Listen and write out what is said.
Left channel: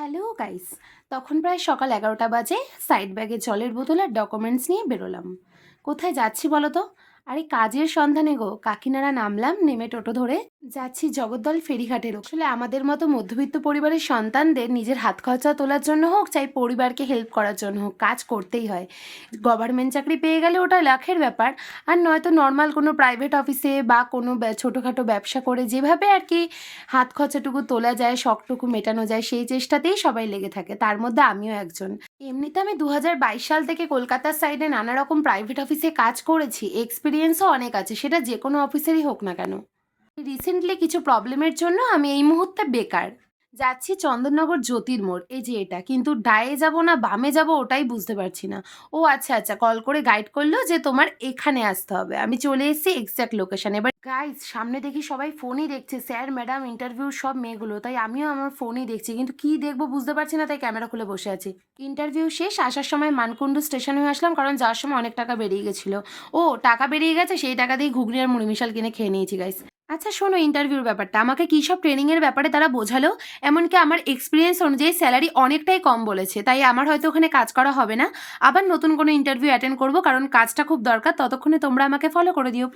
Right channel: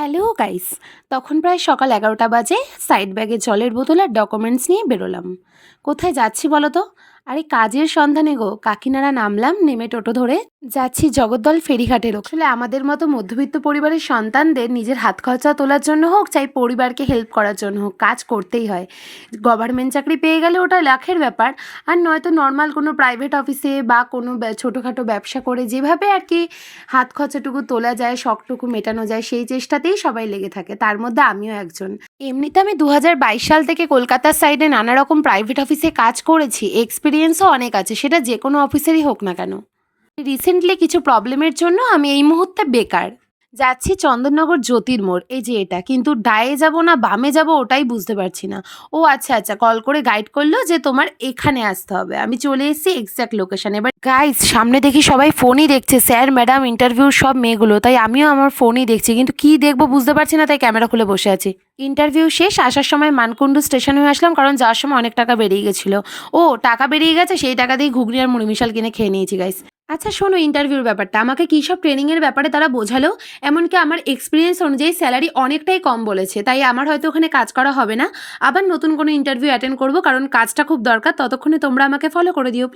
Hello guys. তখন প্রায় সকাল 11টা বাজে। সাইড ব্যাগে জলের বোতল আর ডকুমেন্টস নিয়ে বেরোলাম। কোথায় যাচ্ছি বলো তো? আরে কাজের সন্ধানে গো। কাকিনাড়া নামলাম, নেমে টোটো ধরে যাচ্ছি জগদ্দল ফেরিঘাটের। আসলে আমাদের মতো মধ্যবিত্ত পরিবারের সন্তানদের নিজের হাত খরচা তোলার জন্য হোক, চাই পরিবারকে হেল্প করার জন্য হোক, কাজ করতেই হয়। গভর্নমেন্ট চাকরি পেয়ে গেলে ওটা লাখের ব্যাপার। আর নয়তো নর্মাল কোনো প্রাইভেট অফিসে বা কোনো ছোটোখাটো ব্যবসা করে যেভাবে আর কি হাত খরচাটুকু তোলা যায়, শখটুকু মেটানো যায়, সেই চেষ্টাতেই সবাই লেগে থাকে, তার মধ্যে আমিও একজন। এমনিতে আমি 2022 সাল থেকে কলকাতার সাইডে নানা রকম প্রাইভেট অফিসে কাজ করেছি, এক্সপিরিয়েন্সও অনেক আছে, সেটা যে কোনো অফিসেরই হোক না কেন। রিসেন্টলি কিছু প্রবলেমের জন্য আমি এই মুহূর্তে বেকার। যাচ্ছি চন্দননগর জ্যোতির মোড়, এই যে এটা, কিন্তু ডায়ে যাব না বামে যাব ওটাই বুঝতে পারছি না। ও আচ্ছা আচ্ছা, কল করে গাইড করলো যে তোমার এখানে আসতে হবে। আমি চলে এসেছি এক্স্যাক্ট লোকেশন। এবার গাইস, সামনে দেখি সবাই ফোনই দেখছে, স্যার ম্যাডাম ইন্টারভিউর সব মেয়েগুলো, তাই আমিও আমার ফোনই দেখছি, কিন্তু কি দেখবো বুঝতে পারছি না, তাই ক্যামেরা খুলে বসে আছি। ইন্টারভিউ শেষ, আসার সময় মানকুণ্ডু স্টেশন হয়ে আসলাম, কারণ যাওয়ার সময় অনেক টাকা বেরিয়ে গেছিলো। ও টাকা বেরিয়ে গেছে, সেই টাকা দিয়ে ঘুগনি আর মুড়ি মিশাল কিনে খেয়ে নিয়েছি গাইস। আচ্ছা শোনো, ইন্টারভিউর ব্যাপারটা আমাকে কী সব ট্রেনিংয়ের ব্যাপারে তারা বোঝালো। এমনকি আমার এক্সপিরিয়েন্স অনুযায়ী স্যালারি অনেকটাই কম বলেছে, তাই আমার হয়তো ওখানে কাজ করা হবে না। আবার নতুন কোনো ইন্টারভিউ অ্যাটেন্ড করবো, কারণ কাজটা খুব দরকার। ততক্ষণে তোমরা আমাকে ফলো করে দিও।